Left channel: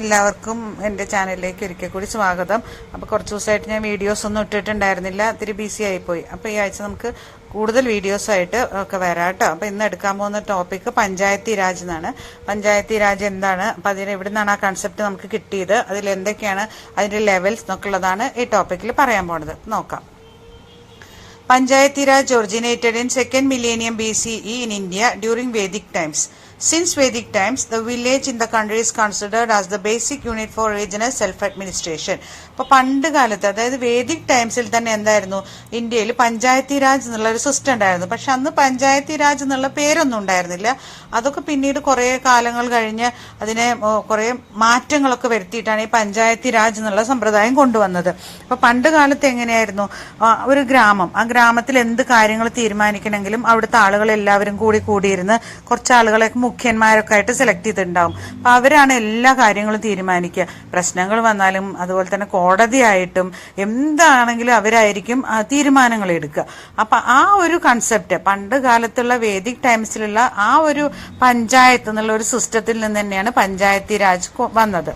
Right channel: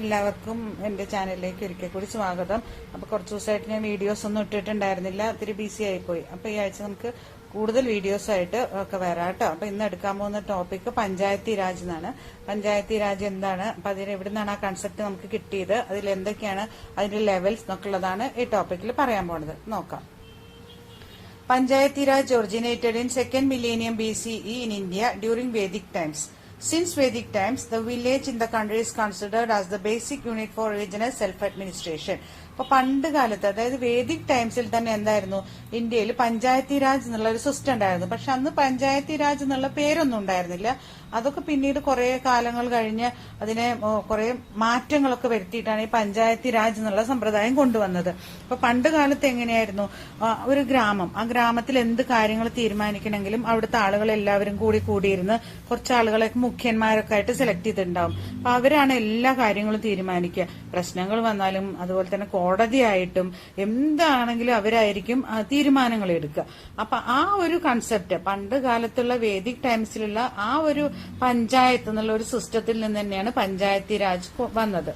എല്ലാവർക്കും എൻ്റെ ചാനലിലേക്ക് ഒരിക്കൽ കൂടി സ്വാഗതം. അപ്പോൾ കുറച്ച് ദിവസമായിട്ട് ഞാൻ വീഡിയോസ് ഒന്നും ഇട്ടിട്ടുണ്ടായിരുന്നില്ല, ഇത്തിരി ബിസി ആയിപ്പോയി. അപ്പോൾ ഈ ആഴ്ച നമുക്ക് കൂടുതൽ വീഡിയോസായിട്ട് ഒക്കെ വരാം കേട്ടോ. അപ്പോൾ ഇന്ന് എടുക്കാൻ പോകുന്ന ടോപ്പിക്ക് പഞ്ചായത്തി രാജ് എന്നാണ്. പഞ്ചായത്തി രാജ് എന്താണ്, അപ്പോൾ അതിൽ എവിടെ നിന്നാണ് ആ കൺസെപ്റ്റ് നമുക്ക് കിട്ടിയത്, അതിൽ എന്തൊക്കെയാണ് അതിൻ്റെ ലെവൽസ് എന്നൊക്കെ ഉള്ളതാണ് ഈ ടോപ്പിക്കിൽ പറയാൻ പോകുന്നത്. നോക്കാം. Panchayati Raj originated in 2nd millennium BCE in India during Vedic times. Since Vedic times, the village in the country is considered as the basic unit for regional self-administration. അപ്പോൾ പണ്ട് കാലത്ത്, അതായത് വേദിക് ടൈംസിൽ തന്നെ എന്തായിരുന്നു, ഇന്ത്യയിൽ പഞ്ചായത്തി രാജ് എന്നുള്ള ഒരു സിസ്റ്റം ഉണ്ടായിരുന്നു. പക്ഷെ അന്ന് പഞ്ചായത്തി രാജ് എന്നുള്ള പേരൊന്നും ഉണ്ടായിരുന്നില്ല. അതൊക്കെ പിന്നീട് കുറേ കാലങ്ങൾ കഴിഞ്ഞ് അതിനെ കുറേ മാറ്റങ്ങളൊക്കെ വരുത്തിയിട്ടാണ് ഈ പഞ്ചായത്തി രാജ് എന്നുള്ള സമ്പ്രദായം കൊണ്ടുവന്നത്. അപ്പോൾ പണ്ട് കാലത്ത് എങ്ങനെയായിരുന്നു, ഒരു ഗ്രാമം, ആ ഗ്രാമത്തിൽ എന്ത് കാര്യങ്ങൾ തീരുമാനിക്കണമെങ്കിലും അവിടുത്തെ ആളുകൾ എല്ലാവരും കൂടിയിരുന്ന് കുറച്ച് ആളുകളെ മുഖ്യന്മാരൊക്കെ ആയിട്ട് സെലക്ട് ചെയ്തിട്ടുണ്ടാവും. അപ്പൊ അവരാണ് എല്ലാ കാര്യങ്ങളും തീരുമാനിക്കുക. പ്രശ്നങ്ങൾ വന്നാലും അതുപോലെ തന്നെ കോടതിയായിട്ടും എന്താണെങ്കിലും അവരായിരിക്കും തീരുമാനങ്ങൾ എടുക്കുക. അപ്പൊ ആ ഒരു കൺസെപ്റ്റ് പണ്ട് കാലത്തുള്ള വേദിക് ടൈംസിലുള്ള ആ ഒരു പഞ്ചായത്ത് എന്നുള്ള ഒരു സിസ്റ്റത്തിൽ നിന്ന് തന്നെയാണ് പഞ്ചായത്തി രാജ് വന്നത്.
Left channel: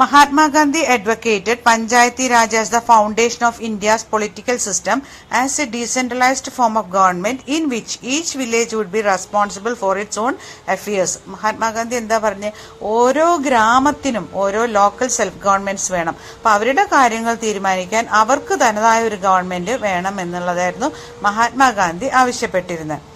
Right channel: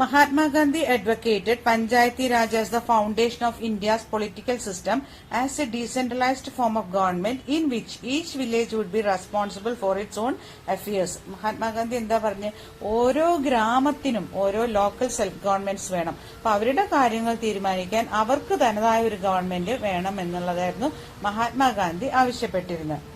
Mahatma Gandhi advocated Panchayati Raj as the foundation of India's political system as a decentralized form of government in which each village would be responsible for its own affairs. Mahatma Gandhi എന്താ പറഞ്ഞ്, ഓരോ ഗ്രാമത്തിനും ഓരോ local self governments വേണം. അപ്പൊ അവരുടെ കാര്യങ്ങൾ തീരുമാനിക്കാൻ അവർക്ക് തനതായ ഒരു ഗവൺമെന്റ് വേണം എന്നുള്ളതായിരുന്നു Mahatma Gandhi ആവശ്യപ്പെട്ടിരുന്നത്.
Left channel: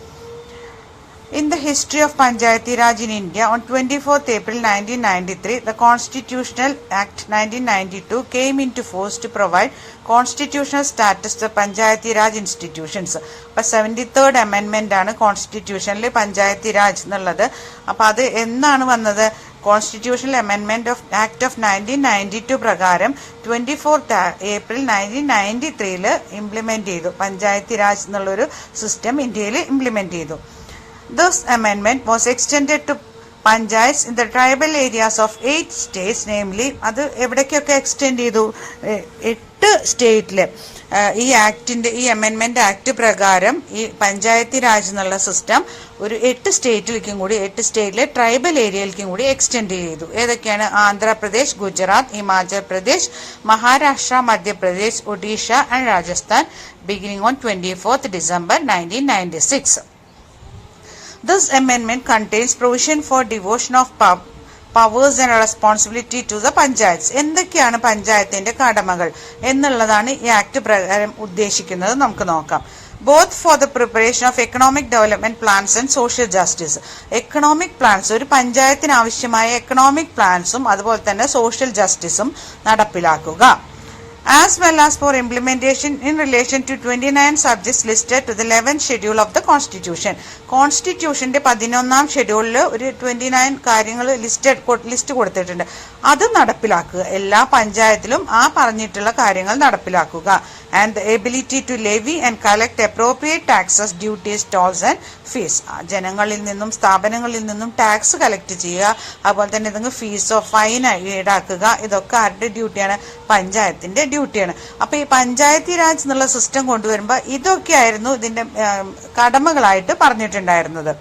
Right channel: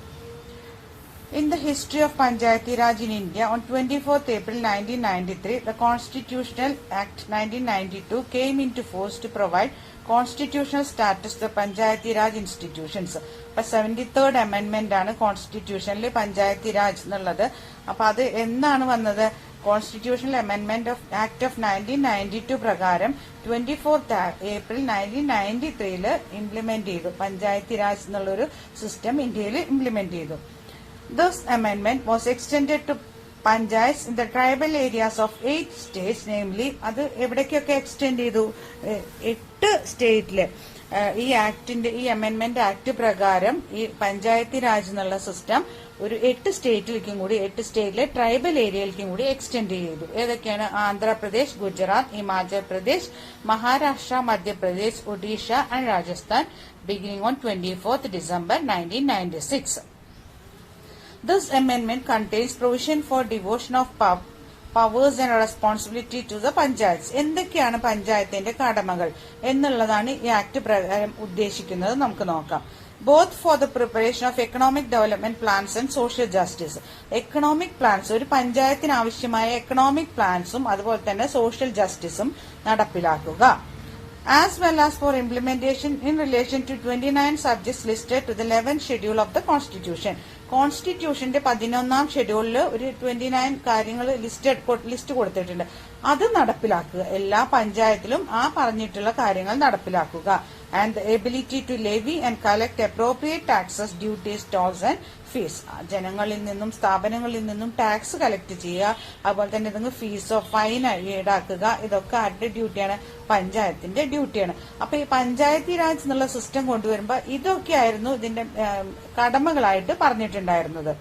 In the history of Panchayati Raj in India, on 24th April 1993, the Constitutional Act 1992 came into force to provide constitutional status to Panchayati Raj institutions. അപ്പോൾ 73rd amendment ആണ് കോൺസ്റ്റിറ്റ്യൂഷനിൽ പഞ്ചായത്തി രാജ് എന്നുള്ളത്. അപ്പോൾ അത് എന്നാണ് വന്നത്, കോൺസ്റ്റിറ്റ്യൂഷണൽ അമെൻമെന്റ് ഓഫ് ആക്ട് ഓഫ് 1992 പ്രകാരം 24th April 1993 implement ചെയ്തു. പഞ്ചായത്തി രാജ് എന്നുള്ളൊരു സിസ്റ്റം ഇന്ത്യയിൽ ഇംപ്ലിമെന്റ് ചെയ്തു. This amendment was extended to panchayats in the tribal areas of 8 states, namely, അത് എവിടേക്കൊക്കെ എക്സ്റ്റെൻഡ് ചെയ്തു, 8 സ്റ്റേറ്റില്. ഈ ആക്ടിന്റെ, ഈ അമെൻമെന്റ് ആക്ട് പ്രകാരം ഈ പഞ്ചായത്തി രാജ് എന്നുള്ള സിസ്റ്റം ഒരു 8 സ്റ്റേറ്റിലേക്കും കൂടി, 8 സ്റ്റേറ്റിലെ ട്രൈബൽ ഏരിയയിലേക്കും കൂടി എക്സ്റ്റെൻഡ് ചെയ്തു. ഏതൊക്കെയാണ്? Andhra Pradesh, Gujarat, Himachal Pradesh, Maharashtra, Madhya Pradesh, Odisha and Rajasthan, beginning on 24th December 1996. This amendment contains provision for devolution of powers and responsibility to the panchayats. എന്തൊക്കെയാണ് പഞ്ചായത്തിന്റെ കടമകൾ എന്നുള്ളതാണ് ഈ ആക്ട് പ്രകാരം ഉദ്ദേശിക്കുന്നത്. നമുക്ക് നോക്കാം. Both for the preparation of economic development plans and social justice. Economic plans, ഒരു പഞ്ചായത്തിന് ആവശ്യമായ എക്കണോമിക് പ്ലാൻസും അതുപോലെ തന്നെ സോഷ്യൽ ജസ്റ്റിസും നടപ്പിലാക്കുക. As well as for implementation in relation to 29 subjects listed to the 11th schedule of the Constitution. കോൺസ്റ്റിറ്റ്യൂഷന്റെ 11ാം ഷെഡ്യൂളിൽ ഒരു 29 കാര്യങ്ങൾ list കൊടുത്തിട്ടുണ്ട്. അത് നടപ്പിലാക്കുക. എല്ലാ പഞ്ചായത്തിലും ആ പറഞ്ഞിട്ടുള്ള കാര്യങ്ങൾ നടപ്പിലാക്കുക. And the ability to levy and collect appropriate taxes, duties, tolls and fees. ജനങ്ങളിൽ നിന്നും സ്ഥാപനങ്ങളിൽ നിന്നും ടാക്സ് കളക്ട് ചെയ്യുക, അതുപോലെ തന്നെ ഇതെങ്കിൽ ഫീസോ ഫൈനോ ഈടാക്കുക. ഇതൊക്കെ ആരുടെ ഡ്യൂട്ടിയാണ്? പഞ്ചായത്തിന്റെ ഡ്യൂട്ടിയാണ്. അപ്പൊ ഈ പഞ്ചായത്തി രാജ് എന്നുള്ള സിസ്റ്റം കൊണ്ടുവരുമ്പോൾ ഇതൊക്കെയായിരുന്നു ഇതിന്റെ കടമകളായിട്ട് പറഞ്ഞിട്ടുണ്ടായിരുന്നത്.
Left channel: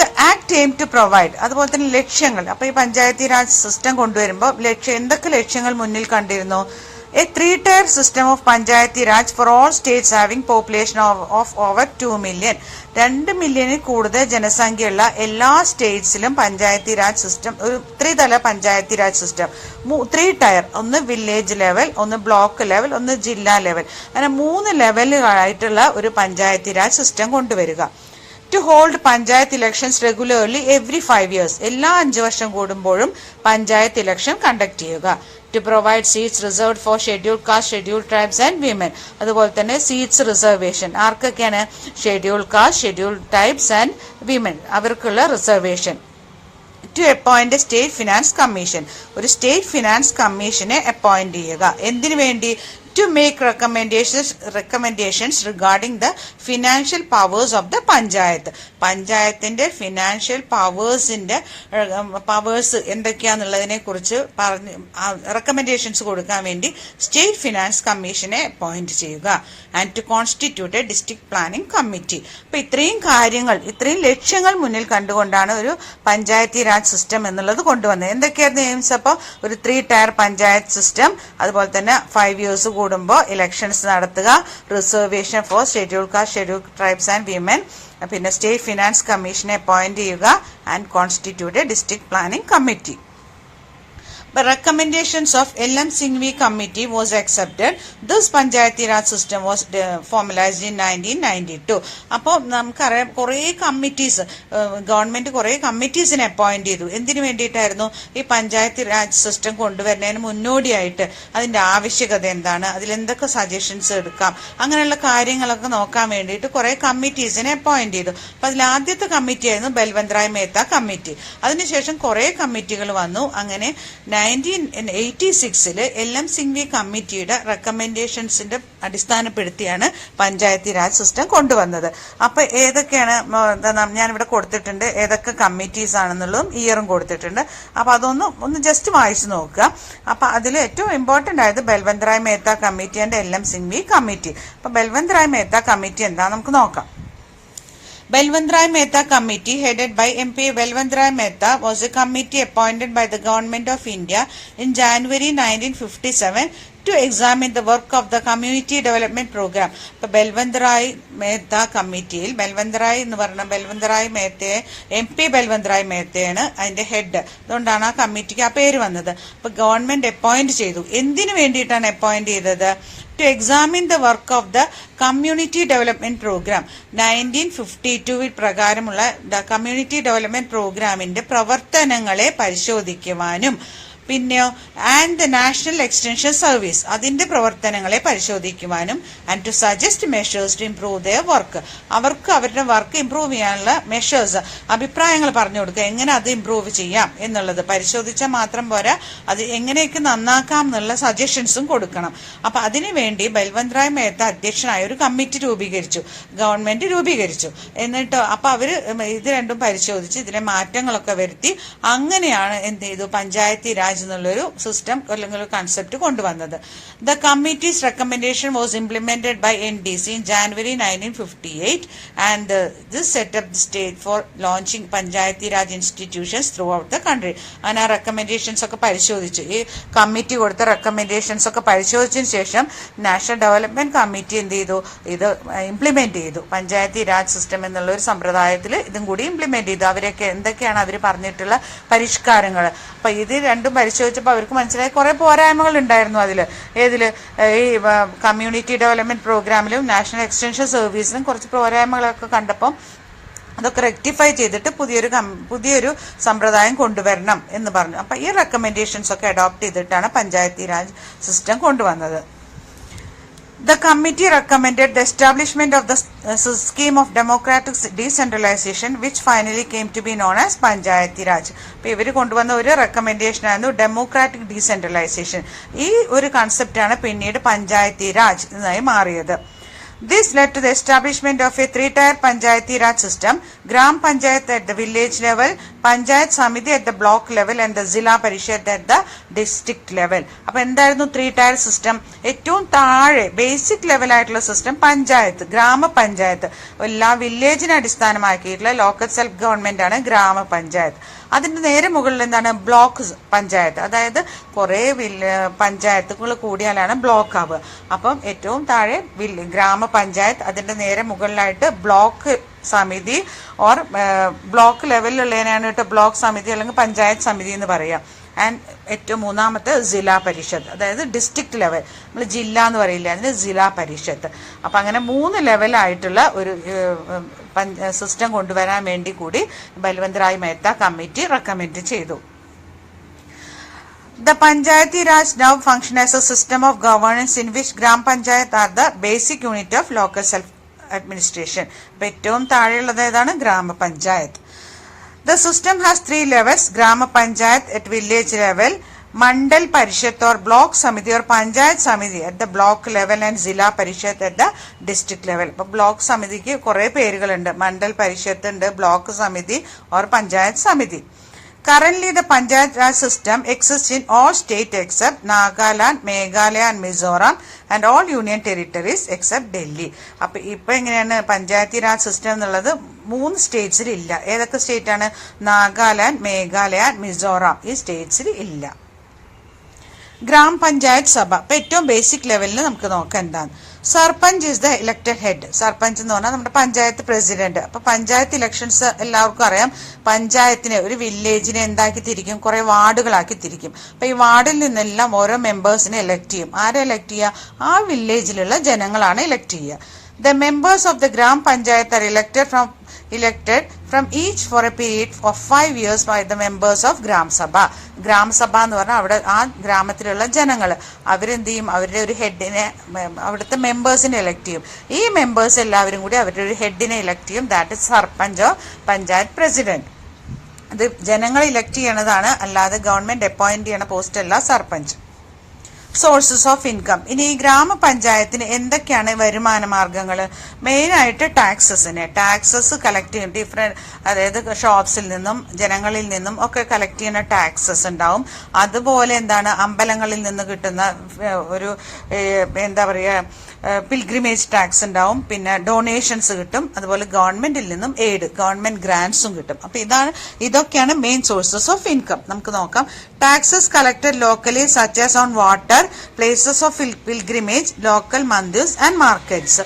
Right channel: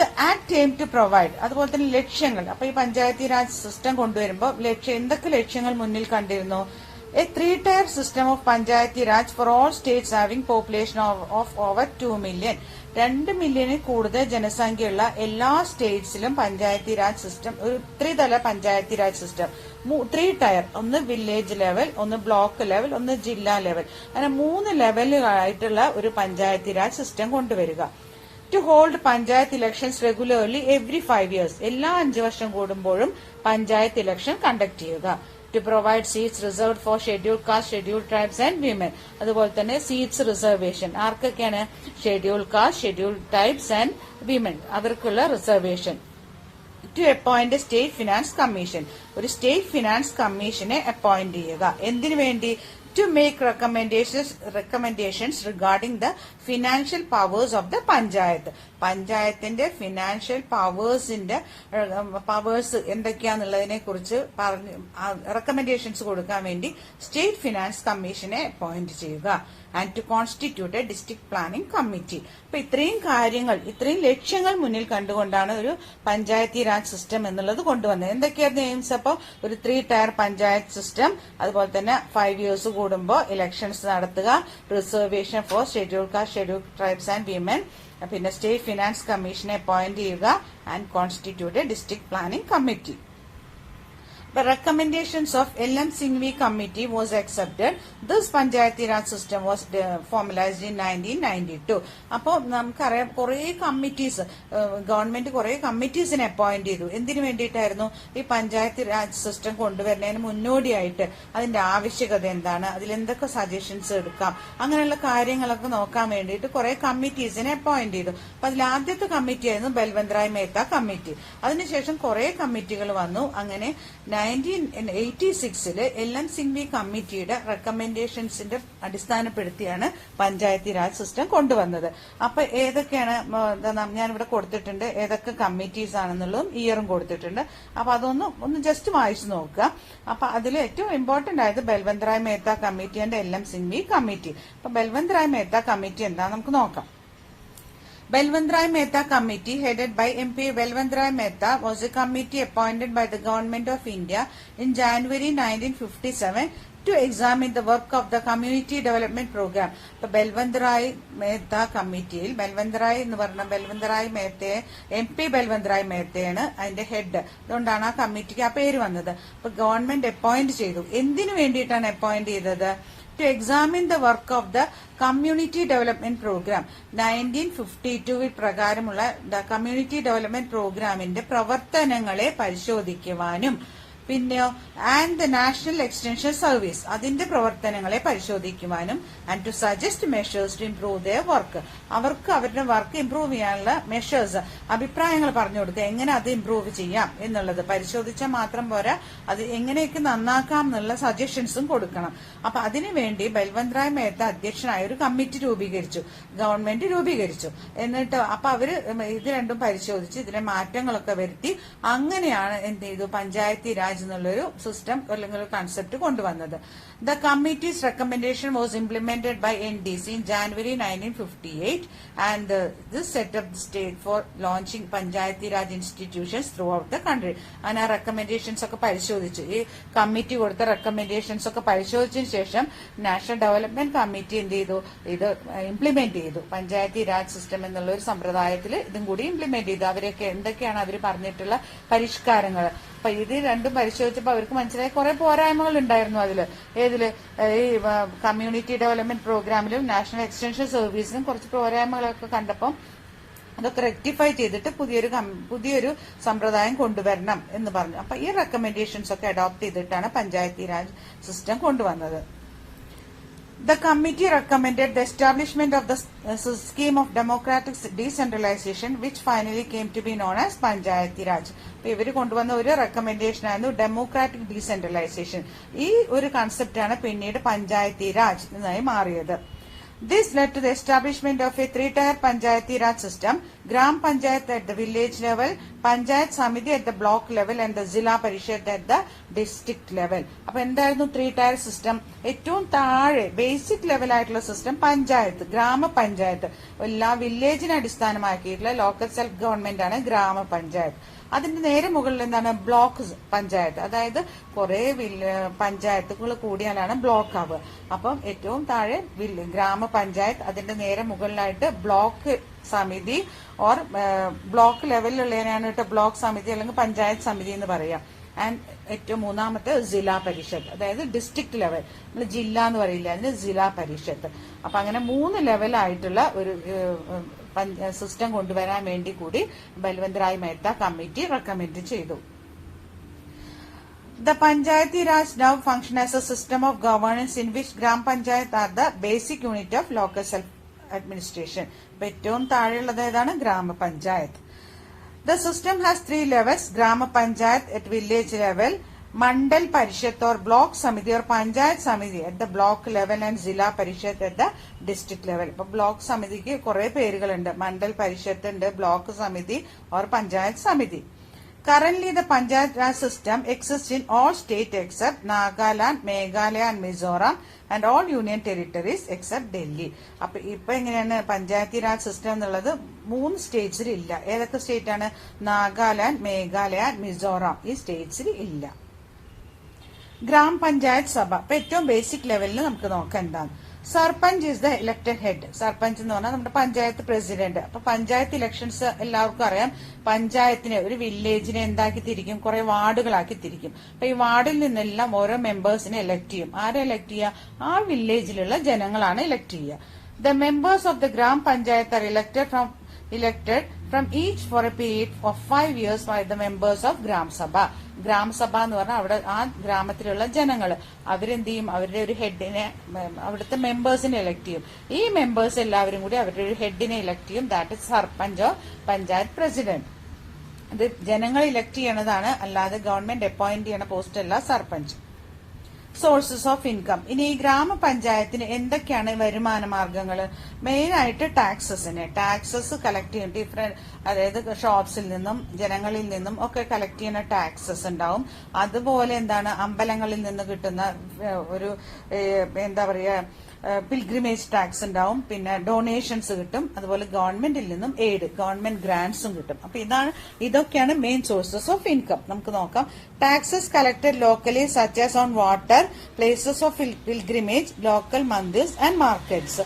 The act aim to provide, അതുപോലെ തന്നെ ലക്ഷ്യങ്ങൾ. അപ്പൊ ഈ പഞ്ചായത്തി രാജ് സിസ്റ്റം കൊണ്ടുവരുമ്പോൾ എന്തൊക്കെ ലക്ഷ്യങ്ങൾ മുന്നിൽ കണ്ടിരുന്നു? A 3-tier system of Panchayati Raj for all states having population of over 2 million. 2 മില്യണിൽ കൂടുതൽ ജനസംഖ്യയുള്ള എല്ലാ സ്റ്റേറ്റ്സിലും പഞ്ചായത്തി രാജ് സിസ്റ്റം, ഒരു 3 തല പഞ്ചായത്തി രാജ് സിസ്റ്റം, 3 ടയർ, ഒന്ന് വില്ലേജ് ലെവൽ, ഒന്ന് ബ്ലോക്ക് ലെവൽ, ഒന്ന് ജില്ലാ ലെവൽ, അങ്ങനെ 3 ലെവലുകളായിട്ടുള്ള ഒരു പഞ്ചായത്തി രാജ് സിസ്റ്റം കൊണ്ടുവരിക. To hold panchayat elections regularly every 5 years. എല്ലാ 5 വർഷം കൂടുമ്പോഴും പഞ്ചായത്ത് ഇലക്ഷൻ കണ്ടക്ട് ചെയ്യുക. To provide seats reserved for scheduled caste, scheduled tribes and women. അതുപോലെ തന്നെ സീറ്റ്സ് റിസർവേഷൻ ആർക്കൊക്കെയാണ്? Scheduled caste, scheduled tribes and women, അവർക്കുള്ള reservation. To appoint a state finance commission. ഒരു state finance കമ്മീഷനെ അപ്പോയിന്റ് ചെയ്യുക. എന്തിനു വേണ്ടി? to make recommendations regarding the financial powers of the panchayat. പഞ്ചായത്തിന്റെ ഫിനാൻഷ്യൽ പവേഴ്സ് എന്തൊക്കെയാന്നുള്ളതിനെ കുറിച്ച് റെക്കമെൻഡേഷൻസ് കൊടുക്കാൻ വേണ്ടി സ്റ്റേറ്റ് ഫിനാൻസ് കമ്മീഷനെ അപ്പോയിന്റ് ചെയ്യുക. And to constitute a district planning committee. അപ്പൊ ഇത്രയും ലക്ഷ്യങ്ങൾ മുന്നിൽ കണ്ടുകൊണ്ടാണ് ഒരു പഞ്ചായത്തി രാജ് സിസ്റ്റം എന്നുള്ളത് കൊണ്ടുവന്നത്. എന്തൊക്കെയായിരുന്നു എയിംസ്? അപ്പോൾ ഒരു 3 ടയർ പഞ്ചായത്ത് സിസ്റ്റം, അതുപോലെ തന്നെ 5 years കൂടുമ്പോൾ ഇലക്ഷൻസ് നടത്തുക, reservation four schedule caste, schedule tribes and women, പിന്നെ സ്റ്റേറ്റ് ഫിനാൻസ് കമ്മീഷനെ അപ്പോയിന്റ് ചെയ്യുക and constitute a district planning committee. The recommendations of L.M. Singhvi committee was accepted. This Panchayati Raj system was formalized in 1992. അപ്പോൾ നമുക്കറിയാം കുറേ committees, government കുറേ കമ്മിറ്റീസിനെ appoint ചെയ്തു. എന്തിനു വേണ്ടിയിട്ടായിരുന്നു? ഈ പഞ്ചായത്ത് രാജ് സിസ്റ്റം കൊണ്ടുവരുന്നതിന് മുന്നോടിയായിട്ട് അതിന്റെ ആവശ്യകത എന്താണ്, അതിലെന്തൊക്കെ സജഷൻസ് എടുക്കാം, അങ്ങനെയുള്ള കാര്യങ്ങളൊക്കെ നോക്കാൻ വേണ്ടിയിട്ട് കുറേ കമ്മിറ്റീസിനെ അപ്പോയിന്റ് ചെയ്തു. അപ്പൊ അതിൽ ആദ്യത്തെ കമ്മിറ്റി ആയിരുന്നു ബൽവന്ത് റായ് മേത്ത കമ്മിറ്റി. അതിനുശേഷം കുറേ കമ്മിറ്റികൾ വന്നു. അങ്ങനെ 1986 L.M. സിംഗ്വി കമ്മിറ്റിയുടെ റെക്കമെൻഡേഷൻസിന്റെ അടിസ്ഥാനപ്പെടുത്തിയാണ് പഞ്ചായത്തി രാജ് സിസ്റ്റം കൊണ്ടുവന്നത്. അപ്പൊ ഏതൊക്കെയാണ് ഞാനിവിടെ കൊടുത്തിട്ടുണ്ട്, ഏതൊക്കെ കമ്മിറ്റീസ് ആണെന്നുള്ളതും ഇയറും കൊടുത്തിട്ടുണ്ട്. അപ്പൊ അതൊന്ന് ജസ്റ്റ് വായിച്ചു നോക്കുക. അപ്പൊ അതിൽ ഏറ്റവും ഇമ്പോർട്ടന്റ് ആയത് Balwant Rai Mehta committee and L.M. Singhvi committee. അപ്പൊ ബൽവന്ത് റായ് മേത്ത കമ്മിറ്റി എന്താ നമുക്ക് നോക്കാം. Balwant Rai Mehta Committee, headed by MP Balwant Rai Mehta, was a committee appointed by the Government of India in January 1957 to examine the work of the Community Development Program. ഇപ്പൊ ബൽവന്ത് റായ് മേത്ത കമ്മിറ്റിയിൽ Balwant Rai മേത്തയെ MP Balwant Rai മേത്തയാണ് അതിന്റെ head. അതുകൊണ്ടാണ് ആ കമ്മിറ്റിക്ക് ആ പേര് വന്നത്. അപ്പൊ ഗവൺമെന്റ് അപ്പോയിന്റ് ചെയ്തു. എന്തിനു വേണ്ടിയിട്ടാണ് അപ്പോയിന്റ് ചെയ്തത്? To examine the work of the Community Development Program. 1952 പ്രകാരമുള്ള കമ്മ്യൂണിറ്റി ഡെവലപ്മെന്റ് പ്രോഗ്രാമിന്റെ പ്രവർത്തനങ്ങളെ പരിശോധിക്കുവാനും പിന്നെയോ and the national extension service അതിന്റെ പ്രവർത്തനങ്ങളെ പരിശോധിക്കുവാനും and to suggest measures to improve their work അവർക്ക് അവരുടെ വർക്ക് ഇംപ്രൂവ് ചെയ്യാനുള്ള മെഷേഴ്സ് അഭിപ്രായങ്ങൾ പറഞ്ഞു കൊടുക്കുക, എങ്ങനെ അത് ഇംപ്രൂവ് ചെയ്യാം എന്നുള്ളത് പരിശോധിച്ചാൽ മാത്രം പോരാ, അത് എങ്ങനെയൊക്കെ നന്നാക്കാം എന്നുള്ള സജഷൻസും കൊടുക്കണം. അപ്പൊ അതിനുവേണ്ടി ബൽവന്ത് റായ് മേത്ത അധ്യക്ഷനായ ഒരു കമ്മിറ്റി ഗവൺമെന്റ് രൂപീകരിച്ചു. എന്നിട്ട് അപ്പൊ അവര് ഇത് രണ്ടും പരിശോധിച്ച് ഇതിലെ മാറ്റങ്ങളൊക്കെ വരുത്തി അങ്ങനെയാണ് എന്ത് ചെയ്തു പഞ്ചായത്തി രാജ് എന്നുള്ളൊരു സിസ്റ്റം അല്ലെങ്കിൽ ഒരു കൺസെപ്റ്റ് കൊണ്ടുവന്നത്. The committee's recommendation was implemented by NDC in January 1958 and this set up the stage for launching Panchayati Raj institutions through out the country. അങ്ങനെ ആ റെക്കമെൻഡേഷൻസ് ഒക്കെ പരിശോധിച്ചു. ഈ കമ്മിറ്റി കൊടുത്ത റെക്കമെൻഡേഷൻസ് ഒക്കെ പരിശോധിച്ചതിന് ശേഷം നാഷണൽ ഡെവലപ്മെന്റ് കമ്മിറ്റി എന്ത് ചെയ്തു? ഇത് ഇംപ്ലിമെന്റ് ചെയ്തു. പഞ്ചായത്തി രാജ് സിസ്റ്റം എന്നുള്ള ഒരു സമ്പ്രദായത്തിൽ ഇതും കൂടി ഇംപ്ലിമെന്റ് ചെയ്തു. അവരൊക്കെ എന്തൊക്കെയാണ് അവർ പറഞ്ഞിട്ടുള്ള പരിഷ്കാരങ്ങൾ. അപ്പൊ ഇത് രണ്ടും പരിശോധിച്ചപ്പോൾ അവർക്ക് മനസ്സിലായി കുറെ പോരായ്മകൾ ഉണ്ടായിരുന്നു ഏതില് ഈ കമ്മ്യൂണിറ്റി ഡെവലപ്മെന്റ് പ്രോഗ്രാമിലും നാഷണൽ എക്സ്റ്റൻഷൻ സർവീസിലും കുറച്ച് പോരായ്മകളൊക്കെ കണ്ടപ്പോൾ അതൊക്കെ റെക്ടിഫൈ ചെയ്തിട്ട് പുതിയൊരു സമ്പ്രദായം കൊണ്ടുവരണം എന്ന് പറഞ്ഞു. അപ്പൊ ഈ റെക്കമെൻഡേഷൻസ് ഒക്കെ അഡോപ്റ്റ് ചെയ്തിട്ടാണ് പഞ്ചായത്തി രാജ് സിസ്റ്റം കൊണ്ടുവന്നത്. The committee recommended the establishment of the scheme of democratic decentralization, which finally came to be known as Panchayati Raj. അപ്പോൾ ഇവർ കൊണ്ടുവന്ന ഒരു റെക്കമെൻഡേഷൻ ആയിരുന്നു ഡെമോക്രാറ്റിക് ഡീസെൻട്രലൈസേഷൻ. ഈ ഒരു കൺസെപ്റ്റാണ് പിന്നീട് പഞ്ചായത്തി രാജ് എന്നായി മാറിയത്. This led to the establishment of a 3-tier Panchayati Raj system, Gram Panchayat at the village level, Panchayat Samiti at the block level and the Zilla Parishad at the district level. അപ്പോൾ എന്തായിരുന്നു 3-tier system? ഏറ്റവും താഴെ basic level ആയിട്ടുള്ള system panchayat, ഗ്രാമപഞ്ചായത്ത്. എല്ലാ വില്ലേജിനെ അടിസ്ഥാനമാക്കിയിട്ടുള്ള local self government ആണ് ഗ്രാമപഞ്ചായത്ത്. അതിന്റെ നേരെ മുകളിൽ എന്താണ്? ബ്ലോക്ക് പഞ്ചായത്ത്. അതായത് കുറെ പഞ്ചായത്തുകൾ കൂടിയാലാണ് ബ്ലോക്ക് ആവുക. അപ്പം ഏറ്റവും താഴെ ഗ്രാമപഞ്ചായത്ത്, അതിന്റെ നേരെ മുകളിലായിട്ട് ബ്ലോക്ക് സമിതി ഓർ ബ്ലോക്ക് ലെവലിലുള്ളതിനാണ് ബ്ലോക്ക് സമിതി അല്ലെങ്കിൽ പഞ്ചായത്ത് സമിതി എന്ന് പറയാം. ആൻഡ് ഏറ്റവും മൂന്നാമത്തെ ജില്ലാ പരിഷത്ത്, അതായത് ഡിസ്ട്രിക്ട് ലെവൽ. നമ്മൾ ജില്ല എന്ന് പറയില്ല, അതിന് ജില്ലാ പരിഷത്ത്. അപ്പൊ അങ്ങനെ 3 ലെവലായിട്ടുള്ള ഒരു സിസ്റ്റം കൊണ്ടുവരാൻ വേണ്ടി കൂടി ബൽവന്ത് റായ് മേത്ത കമ്മിറ്റി റെക്കമെൻഡ് ചെയ്തു. The Panchayati Raj now function as a system of governance in which Gram Panchayat are the basic unit of local self-administration. അപ്പോൾ ഏറ്റവും താഴെയുള്ളത് ഏതാണ്? ഗ്രാമപഞ്ചായത്ത്. The system has 3 levels: Grama Panchayat at village level, Mandal Parishad or Block Samiti or Panchayat Samiti at the block level and Zilla Parishad at the district level. But block Samiti ki kore perigalunde. Mandal Parishad and Block Samiti or Panchayat Samiti. Currently, the Panchayat Raj system exists in all states except Nagaland, Meghalaya and Mizoram and all union territories except Delhi. അപ്പോൾ ഇപ്പോൾ എങ്ങനെയാണ് Panchayati Raj system എന്നുള്ളത് 3 സ്റ്റേറ്റ്സിൽ ഇല്ല. ഏതൊക്കെ state ആണ്? നാഗാലാൻഡ്, മേഘാലയ, മിസോറാം. ഈ സ്റ്റേറ്റ്സിൽ ഇല്ല. Gram panchayat സഭ. അപ്പോൾ ഏറ്റവും ബേസിക് ലെവലിൽ നമുക്ക് നോക്കാം എന്താണ്. Sarpanch is the elected head. Sarpanch എന്ന് പറഞ്ഞാൽ നമ്മുടെ പഞ്ചായത്ത് പ്രസിഡന്റ്. അപ്പൊ പഞ്ചായത്ത് ഇലക്ഷൻസ് എല്ലാവർക്കും അറിയാം. പഞ്ചായത്തിനെ, ഒരു വില്ലേജിനെ എന്താക്കി തിരിക്കും? കുറെ വാർഡുകളാക്കി തിരിക്കും. അപ്പൊ ഈ വാർഡിൽ നിന്നെല്ലാം ഓരോ മെമ്പേഴ്സിനെ എലക്ട് ചെയ്യും. ആരെ എലക്ട് ചെയ്യുക? ആ വില്ലേജിലുള്ള ജനങ്ങളാണ് എലക്ട് ചെയ്യുക. The members of the Gram Panchayat are elected from each for a period of 5 years by the members of Gram Sabha. Gram സഭ എന്ന് പറഞ്ഞാൽ അവിടെ ആ ഗ്രാമത്തിലുള്ള ജനങ്ങൾ അവരെന്ത് ചെയ്യും? അവരുടെ ഒരു ഹെഡിനെ, അവിടുത്തെ മെമ്പേഴ്സിനെ എലക്ട് ചെയ്യും. ഈ മെമ്പേഴ്സ് എല്ലാവരും കൂടി അവരുടെ ഒരു ഹെഡിനെ എലക്ട് ചെയ്യും. That is sarpanch, panchayat president. ഇത് ജനങ്ങൾ ഇലക്ട് ചെയ്യണതാണ്, അല്ലാതെ ഗവൺമെന്റ് അപ്പോയിന്റ് ചെയ്യണ പോസ്റ്റ് അല്ല സർപഞ്ച്. Sources of income. ഇനി ഈ ഗ്രാമപഞ്ചായത്തിന് എന്തൊക്കെയാണ് വരുമാന മാർഗങ്ങൾ? മെയിനായിട്ട് ടാക്സസ് കളക്ട് ചെയ്യും. ഡിഫറെന്റ്, അതായത് ഷോപ്സിൽ നിന്നും ജനങ്ങളിൽ നിന്നും ഒക്കെ കളക്ട് ചെയ്യുന്ന ടാക്സസ് ഉണ്ടാവും. അതുപോലെ എന്താണ്, അമ്പലങ്ങളിൽ നിന്ന് കിട്ടുന്ന ഒരു എന്താ പറയുക, പിൽഗ്രിമേജ് ടാക്സ് ഉണ്ടാവും. പിന്നെ ഡൊണേഷൻസ് കിട്ടും. അതുപോലെ ഗവൺമെന്റിൽ നിന്നും എയ്ഡ്, ഗവൺമെന്റ് ഗ്രാന്റ്സും കിട്ടും. അപ്പൊ ഇതൊക്കെയാണ് മെയിൻ സോഴ്സസ് ഓഫ് ഇൻകം. നമുക്ക് നോക്കാം. Taxes collected locally such as on water, places of pilgrimage, local mandirs and markets.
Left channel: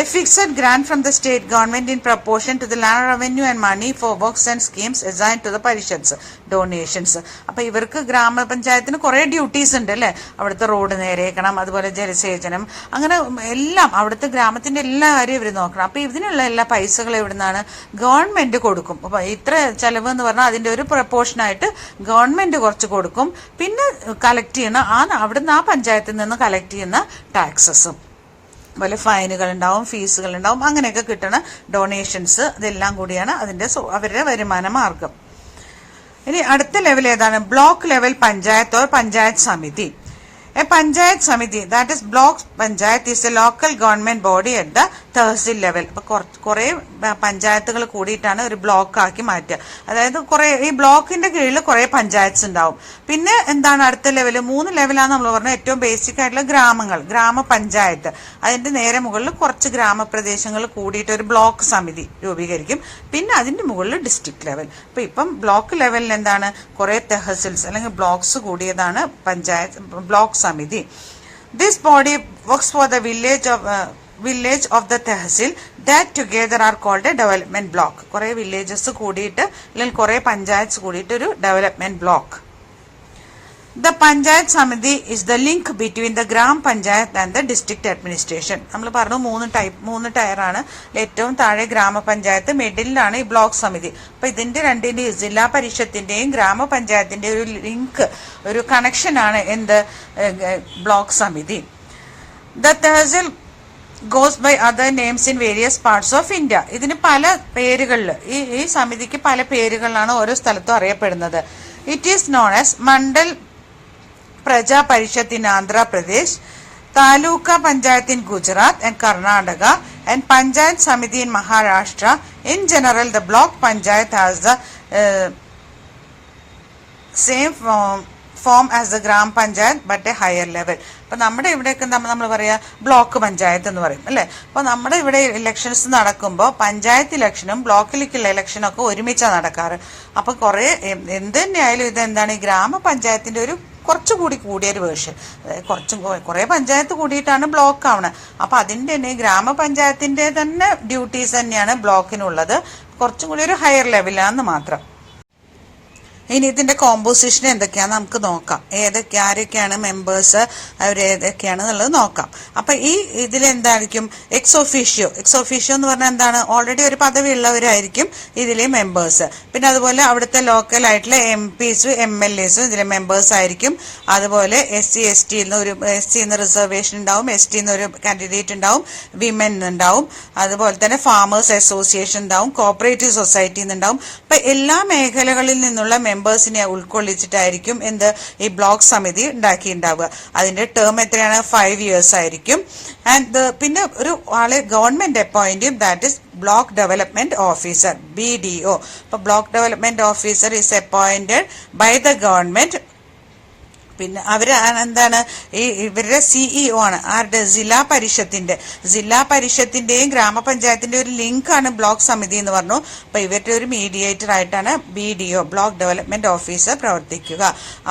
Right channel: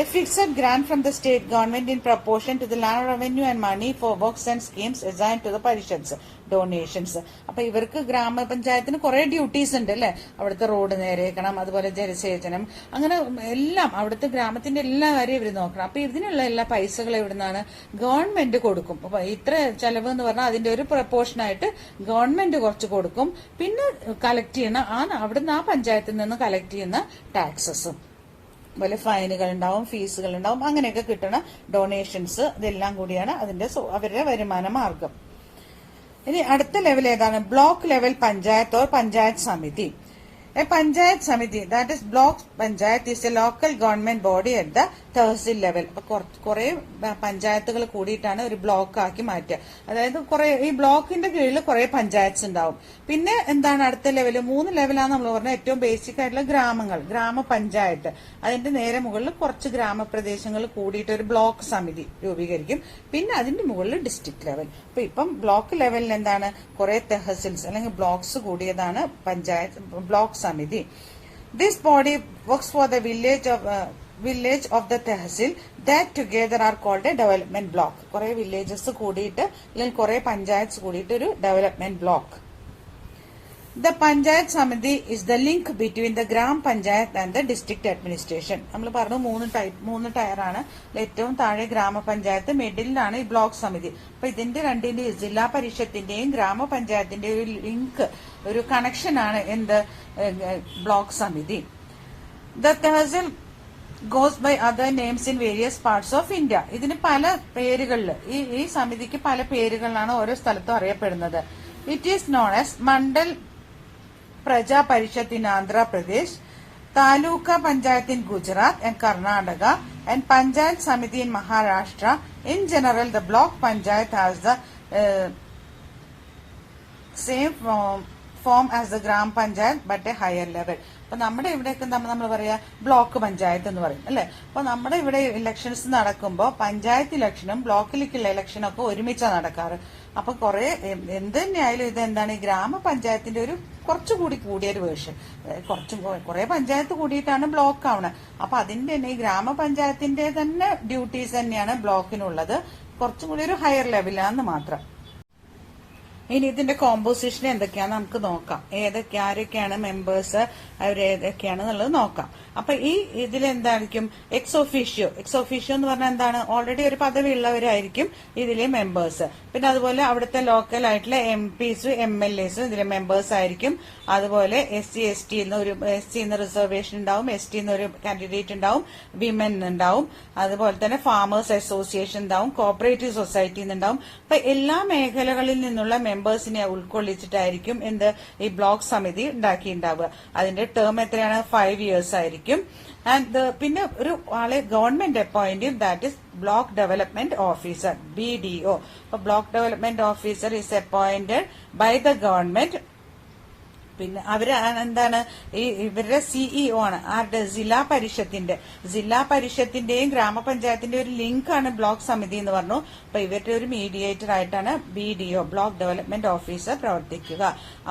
A fixed grant from the state government in proportion to the land revenue and money for works and schemes assigned to the parishads. Donations. അപ്പോൾ ഇവർക്ക് ഗ്രാമപഞ്ചായത്തിന് കുറേ duties ഉണ്ട് അല്ലേ? അവിടുത്തെ road നേരെയാക്കണം, അതുപോലെ ജലസേചനം, അങ്ങനെ എല്ലാം അവിടുത്തെ ഗ്രാമത്തിന്റെ എല്ലാ കാര്യവും ഇവർ നോക്കണം. അപ്പോൾ ഇതിനുള്ള എല്ലാ പൈസകൾ എവിടുന്നാണ്? ഗവൺമെന്റ് കൊടുക്കും. അപ്പോൾ ഇത്ര ചെലവ് എന്ന് പറഞ്ഞാൽ അതിന്റെ ഒരു പ്രപ്പോർഷനായിട്ട് ഗവൺമെന്റ് കുറച്ച് കൊടുക്കും. പിന്നെ കളക്ട് ചെയ്യുന്ന അവിടുന്ന് ആ പഞ്ചായത്തിൽ നിന്ന് കളക്ട് ചെയ്യുന്ന ടാക്സസും, അതുപോലെ ഫൈനുകൾ ഉണ്ടാവും, ഫീസുകൾ ഉണ്ടാവും, അങ്ങനെയൊക്കെ കിട്ടണ ഡൊണേഷൻസ്, ഇതെല്ലാം കൂടിയാണ് അതിന്റെ അവരുടെ വരുമാന മാർഗം. ഇനി അടുത്ത ലെവൽ ഏതാണ്? Block level panchayat or panchayat സമിതി. A Panchayat Samiti, that is block Panchayat, is a local government body at the tehsil level. അപ്പൊ കുറെ പഞ്ചായത്തുകൾ കൂടിയിട്ടാണ് ഒരു ബ്ലോക്ക് ആക്കി മാറ്റുക. അതായത് കുറെ ഈ ബ്ലോക്കിന്റെ കീഴിൽ കുറെ പഞ്ചായത്ത്സ് ഉണ്ടാവും. പിന്നെ എന്താണ് അടുത്ത ലെവല്? 3 ലെവലാണ് നമ്മൾ പറഞ്ഞത്. ഏറ്റവും ബേസിക് ആയിട്ടുള്ള ഗ്രാമങ്ങൾ, ഗ്രാമപഞ്ചായത്ത്. അതിന്റെ നേരെ മുകളിൽ കുറച്ച് ഗ്രാമപ്രദേശങ്ങൾ കൂടിയിട്ട് ഒരു ബ്ലോക്ക് സമിതി രൂപീകരിക്കും. പിന്നെ അതിന്റെ മുകളിൽ ഡിസ്ട്രിക്ട് ലെവൽ. അപ്പൊ ഇപ്പം ബ്ലോക്ക് ലെവലിൽ എന്താണ്? കുറെ തെഹസിൽസ് അല്ലെങ്കിൽ ബ്ലോക്സ് കൂടിയതാണ് പഞ്ചായത്ത് ബ്ലോക്ക് സമിതി. This body works for the village of the tehsil that together are called a development block. കുറെ വില്ലേജസ് കൂടിയിട്ട് അല്ലെങ്കിൽ കുറെ പഞ്ചായത്ത്സ് കൂടിയിട്ട് ഒരു development block. The Panchayat Samiti is the link between the Gram Panchayat and the district administration. നമ്മൾ പറഞ്ഞു 3 ടയറാണ്. ഏറ്റവും താഴെ ഗ്രാമപഞ്ചായത്ത്, മിഡിലാണ് ഈ ബ്ലോക്ക് സമിതി. അപ്പൊ ഇതിന്റെ രണ്ടിന്റെയും ജില്ലാ പരിഷത്തിന്റെയും ഗ്രാമപഞ്ചായത്തിന്റെയും ഒരു ലിങ്ക്, ഒരു കണക്ഷൻ ആണ് എന്ത്? ബ്ലോക്ക് സമിതി. The tehsil goes by other names in various parts of India. ഇതിന് പല പേരുകളിൽ, ഈ സമിതിക്ക് പല പേരുകളിലാണ് ഓരോ സ്ഥലത്തും അറിയപ്പെടുന്നത്. It is known as Mandal Praja Parishad in Andhra Pradesh, Taluka Panchayat in Gujarat and Karnataka, and Panchayat Samiti in Maharashtra. In general, the block Panchayat has the same form as the Gram Panchayat but a higher level. അപ്പൊ നമ്മുടെ ഇവിടെയൊക്കെ നമ്മൾ പറയാ block panchayat എന്ന് പറയും അല്ലെ. അപ്പൊ നമ്മുടെ ഇവിടെ ഇലക്ഷൻസ് നടക്കുമ്പോൾ പഞ്ചായത്ത് ഇലക്ഷനും ബ്ലോക്കിലേക്കുള്ള ഇലക്ഷനും ഒക്കെ ഒരുമിച്ചാണ് നടക്കാറ്. അപ്പൊ കുറെ എന്ത് തന്നെയായാലും ഇത് എന്താണ്? ഈ ഗ്രാമപഞ്ചായത്തിന്റെ ഒരു കുറച്ചുകൂടി കൂടിയൊരു വേർഷൻ. കുറെ പഞ്ചായത്ത് കൂടിയിട്ടാണ് ബ്ലോക്ക് ആവണത്. അപ്പൊ അതിന്റെ തന്നെ ഗ്രാമപഞ്ചായത്തിന്റെ തന്നെ ഡ്യൂട്ടീസ് തന്നെയാണ് ബ്ലോക്കിനുള്ളത്. കുറച്ചും കൂടി ഒരു ഹയർ ലെവലാന്ന് മാത്രം. ഇനി ഇതിന്റെ കോമ്പോസിഷൻ എന്തൊക്കെയാന്ന് നമുക്ക് നോക്കാം. ആരൊക്കെയാണ് മെമ്പേഴ്സ്, അവരേതൊക്കെയാണെന്നുള്ളത് നോക്കാം. അപ്പൊ ഈ ഇതിലെന്തായിരിക്കും? എക്സ് ഒഫീഷ്യോ എന്ന് പറഞ്ഞാൽ എന്താണ്? ഓൾറെഡി ഒരു പദവി ഉള്ളവരായിരിക്കും ഇതിലെ മെമ്പേഴ്സ്. പിന്നെ അതുപോലെ അവിടുത്തെ ലോക്കൽ ആയിട്ടുള്ള MPs MLAs ഇതിലെ മെമ്പേഴ്സ് ആയിരിക്കും. അതുപോലെ SC/ST റിസർവേഷൻ ഉണ്ടാവും, ST ഒരു കാൻഡിഡേറ്റ് ഉണ്ടാവും, വിമൻ ഉണ്ടാവും, അതുപോലെ തന്നെ ഫാമേഴ്സ് അസോസിയേഷൻ ഉണ്ടാവും, കോപ്പറേറ്റീവ് സൊസൈറ്റി ഉണ്ടാവും. അപ്പൊ എല്ലാ മേഖലകളിൽ നിന്നുള്ള മെമ്പേഴ്സിനെ ഉൾക്കൊള്ളിച്ചിട്ടായിരിക്കും ഈ ബ്ലോക്ക് സമിതി ഉണ്ടാക്കിയിട്ടുണ്ടാവുക. അതിന്റെ ടേം എത്രയാണ്? 5 years ആയിരിക്കും. ആൻഡ് പിന്നെ ഒരു ആളെ ഗവൺമെന്റ് അപ്പോയിന്റ് ചെയ്യും, that is block development officer, BDO. അപ്പൊ block development officer is appointed by the government. പിന്നെ അവര് എന്താണ്, ഇവരുടെ CEO ആണ്. ആരുടെ? ജില്ലാ പരിഷത്തിന്റെയും ഗ്രാമപഞ്ചായത്തിന്റെയും ഒരു ലിങ്ക് ആണ് ബ്ലോക്ക് സമിതി എന്ന് പറഞ്ഞു. അപ്പൊ ഇവരുടെ ഒരു മീഡിയേറ്റർ ആയിട്ടാണ് BDO, ബ്ലോക്ക് ഡെവലപ്മെന്റ് ഓഫീസർ, പ്രവർത്തിക്കുക.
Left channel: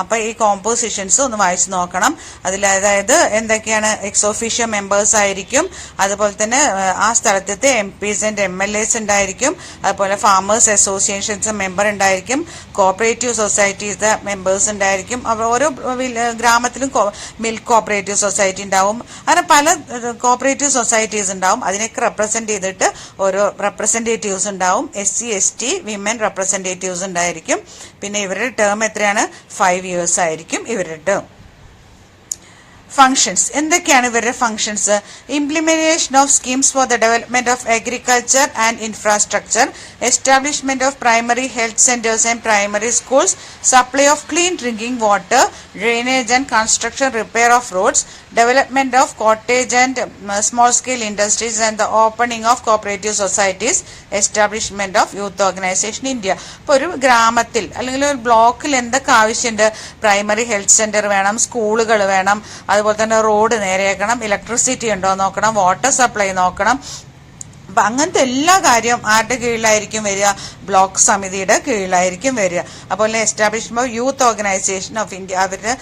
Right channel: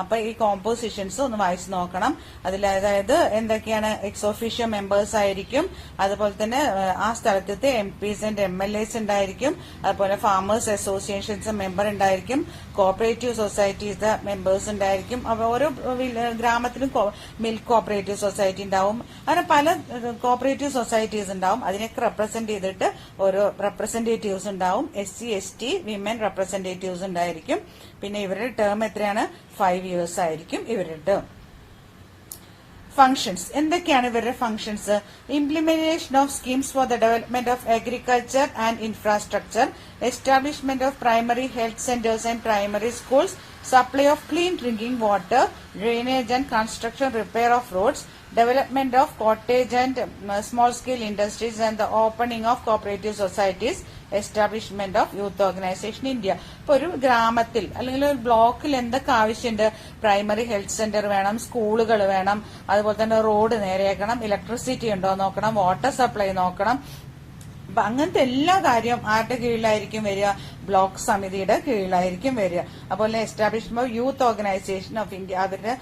അപ്പൊ ഈ കോമ്പോസിഷൻസ് ഒന്ന് വായിച്ചു നോക്കണം. അതായത് എന്തൊക്കെയാണ്? എക്സ് ഓഫീഷ്യോ മെമ്പേഴ്സ് ആയിരിക്കും, അതുപോലെ തന്നെ ആ സ്ഥലത്തെ MPs ആൻഡ് MLAs ഉണ്ടായിരിക്കും, അതുപോലെ ഫാമേഴ്സ് അസോസിയേഷൻസ് മെമ്പർ ഉണ്ടായിരിക്കും, കോപ്പറേറ്റീവ് സൊസൈറ്റീസ് മെമ്പേഴ്സ് ഉണ്ടായിരിക്കും. ഓരോ ഗ്രാമത്തിലും മിൽക്ക് കോപ്പറേറ്റീവ് സൊസൈറ്റി ഉണ്ടാവും. അങ്ങനെ പല കോപ്പറേറ്റീവ് സൊസൈറ്റീസ് ഉണ്ടാവും. അതിനൊക്കെ റെപ്രസെന്റ് ചെയ്തിട്ട് ഓരോ റെപ്രസെന്റേറ്റീവ്സ് ഉണ്ടാവും. SC ST വിമൻ റെപ്രസെന്റേറ്റീവ്സ് ഉണ്ടായിരിക്കും. പിന്നെ ഇവരുടെ ടേം എത്രയാണ്? 5 years ആയിരിക്കും ഇവരുടെ ടേം. ഫങ്ഷൻസ് എന്തൊക്കെയാണ് ഇവരുടെ functions? Implementation of schemes for the development of agriculture and infrastructure, establishment of primary health centres and primary schools, supply of clean drinking water, drainage and construction, repair of roads, development of cottage and small scale industries, and the opening of cooperative societies, establishment of youth organization India. ഇപ്പോൾ ഒരു ഗ്രാമത്തിൽ അല്ലെങ്കിൽ ഒരു ബ്ലോക്കിൽ എന്തൊക്കെ ആവശ്യമുണ്ട്? Primary health centre വേണം, സ്കൂളുകൾ വേണം, അതുപോലെ തന്നെ റോഡ് നേരെയാക്കണം, ഇലക്ട്രിസിറ്റി ഉണ്ടോ നോക്കണം, വാട്ടർ സപ്ലൈ നോക്കണം. അപ്പൊ അങ്ങനത്തെ എല്ലാ കാര്യവും ആരുടെ കീഴിലായിരിക്കും വരിക? ബ്ലോക്ക് സമിതിയുടെ കീഴിലായിരിക്കും വരിക. അതുപോലെ establishment youth organisation of India, അവരുടെ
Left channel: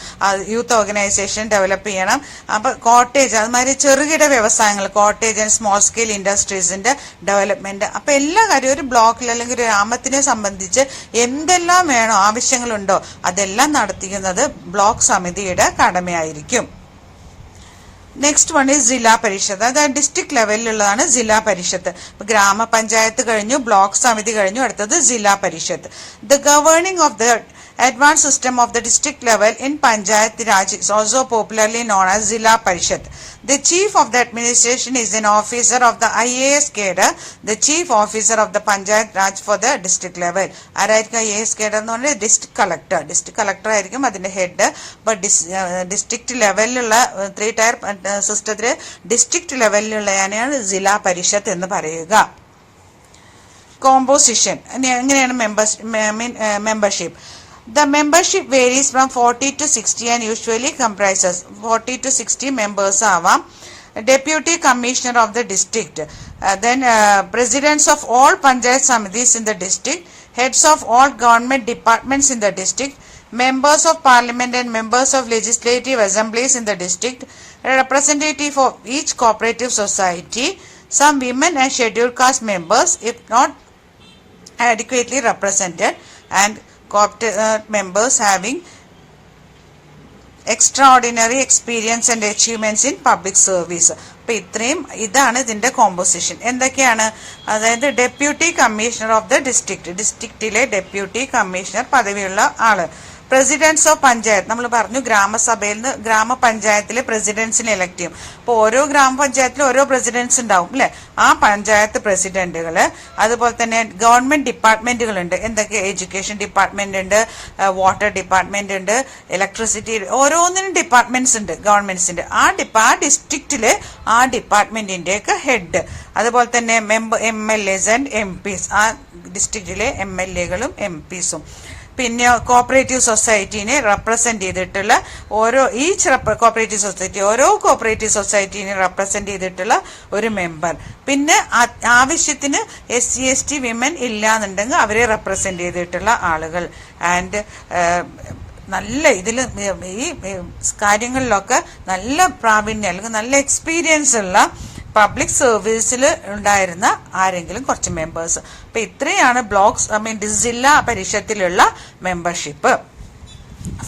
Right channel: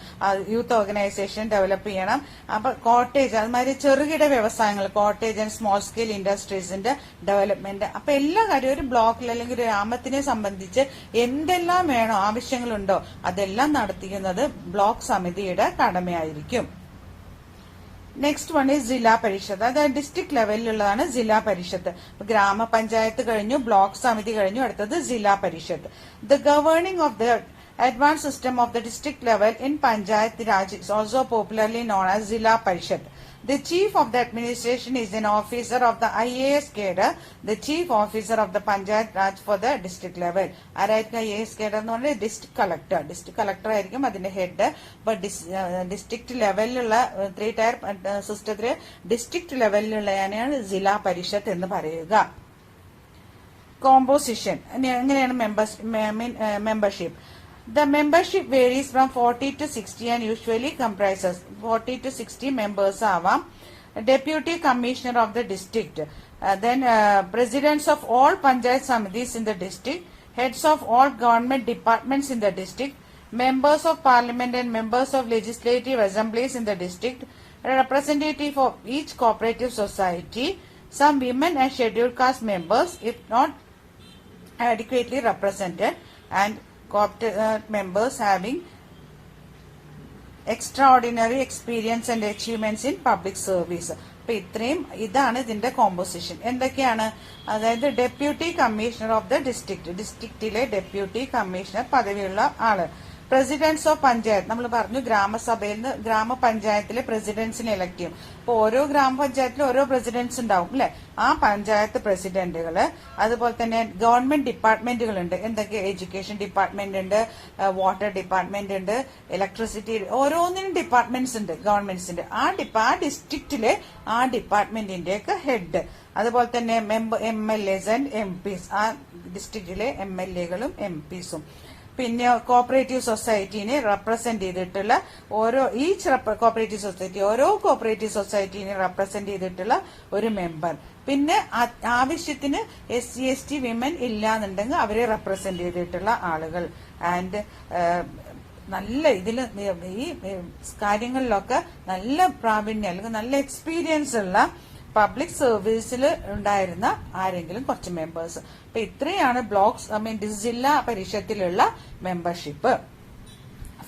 യൂത്ത് ഓർഗനൈസേഷൻ ഡെവലപ്പ് ചെയ്യണം. അപ്പൊ കോട്ടേജ്, അതുമാതിരി ചെറുകിട വ്യവസായങ്ങൾ, കോട്ടേജ് ആൻഡ് സ്മോൾ സ്കെയിൽ ഇൻഡസ്ട്രീസിന്റെ ഡെവലപ്മെന്റ്. അപ്പൊ എല്ലാ കാര്യവും ഒരു ബ്ലോക്കിൽ അല്ലെങ്കിൽ ഒരു ഗ്രാമത്തിനെ സംബന്ധിച്ച് എന്തെല്ലാം വേണോ, ആവശ്യങ്ങളുണ്ടോ, അതെല്ലാം നടത്തിക്കുന്നത് ബ്ലോക്ക് സമിതിയുടെ കടമയായിരിക്കും. നെക്സ്റ്റ് വൺ ഈസ് ജില്ലാ പരിഷത്ത്. അതായത് ഡിസ്ട്രിക്ട് ലെവലിലുള്ളതാണ് ജില്ലാ പരിഷത്ത്. ഗ്രാമപഞ്ചായത്ത് കഴിഞ്ഞു, ബ്ലോക്ക് സമിതി കഴിഞ്ഞു, അടുത്തത് ജില്ലാ പരിഷത്ത്. The governing of the advanced system of the district level in Panchayat Raj is also popularly known as Zilla Parishad. The chief of the administration is an officer of the IAS cadre, the chief officer of the Panchayat Raj for the district level. ആരായിരിക്കും IAS cadre എന്ന് പറഞ്ഞാൽ? District collector ആയിരിക്കും അതിന്റെ head. അപ്പൊ district ലെവലിലുള്ള 3 tier സിസ്റ്റത്തില് district ലെവലിലുള്ളതാണ് ജില്ലാ പരിഷത്ത് എന്ന് പറയുക. കോമ്പോസിഷൻ എങ്ങനെയാണ്? Membership. The membership varies from 40 to 60 and usually comprises 40 to 60 members ആവാം. Deputy Commissioner of the district, then presidents of all Panchayat Samitis in the district, heads of all government departments in the district, members of parliament and members of legislative assemblies in the district, a representative of each cooperative society, some women and scheduled caste members if not adequately represented, and members having extraordinary experience and achievements in public service. അപ്പൊ ഇതാണ് ഇതിന്റെ composition. എന്തൊക്കെയാണ്? അതായത് deputy commissioner of the ഡിസ്ട്രിക്റ്റിലെ deputy commissioner പദവിയുള്ള ആള്. Presidents of panchayat, നമ്മൾ പറഞ്ഞു ഗ്രാമസഭയിൽ നിന്ന് ഗ്രാമപഞ്ചായത്തിലെ പ്രസിഡന്റ്സിനെ ഇലക്ട് ചെയ്യും. അപ്പോൾ ഓരോ ഗ്രാമപഞ്ചായത്തിലും ഓരോ പ്രസിഡന്റ്സ് ഉണ്ടാവും അല്ലെ? ആ പഞ്ചായത്ത് പ്രസിഡന്റുകള്. അതുപോലെ തന്നെ ഗവൺമെന്റ് ഡിപ്പാർട്ട്മെന്റുകളുണ്ട്. എന്തൊക്കെ? എഡ്യൂക്കേഷൻ ഡിപ്പാർട്ട്മെന്റ് ഉണ്ട്, വാട്ടർ ഡിപ്പാർട്ട്മെന്റ് ഉണ്ട്, ഇലക്ട്രിസിറ്റി, ഓരോന്നിനും ഡിപ്പാർട്ട്മെന്റ്സ് ഉണ്ട് ഗവൺമെന്റ്സിന്റെ. ആ ഡിസ്ട്രിക്റ്റില് ആ ഡിപ്പാർട്ട്മെന്റിന്റെ ഒക്കെ ഹെഡ്. അതുപോലെ തന്നെ MLAs ആൻഡ് MPs, ആ ഡിസ്ട്രിക്റ്റിലെ MLAകളും MPസും. പിന്നെ കോപ്പറേറ്റീവ് സൊസൈറ്റീനെ റെപ്രസെന്റ് ചെയ്തിട്ടുള്ള ഓരോ കോപ്പറേറ്റീവ് സൊസൈറ്റീനെ റെപ്രസെന്റ് ചെയ്തിട്ടുള്ള ഒരു മെമ്പർ. പിന്നെ ആവശ്യത്തിന് SC ST വിമൻ ഇല്ലാന്നുണ്ടെങ്കിൽ അവരെ റെപ്രസെന്റ് ചെയ്തിട്ടുള്ള ആളുകൾ. ആൻഡ് നല്ല ഈ കാര്യങ്ങളിലൊക്കെ നല്ല പ്രാവീണ്യം അല്ലെങ്കിൽ നല്ല എക്സ്പീരിയൻസ് ഉള്ള പബ്ലിക് സർവീസിൽ ഉണ്ടായിരുന്ന ആരെങ്കിലും കുറച്ച് മെമ്പേഴ്സ്. അപ്പൊ ഇത്രയാണ് ജില്ലാ പരിഷത്തിലുള്ള മെമ്പർഷിപ്പ്.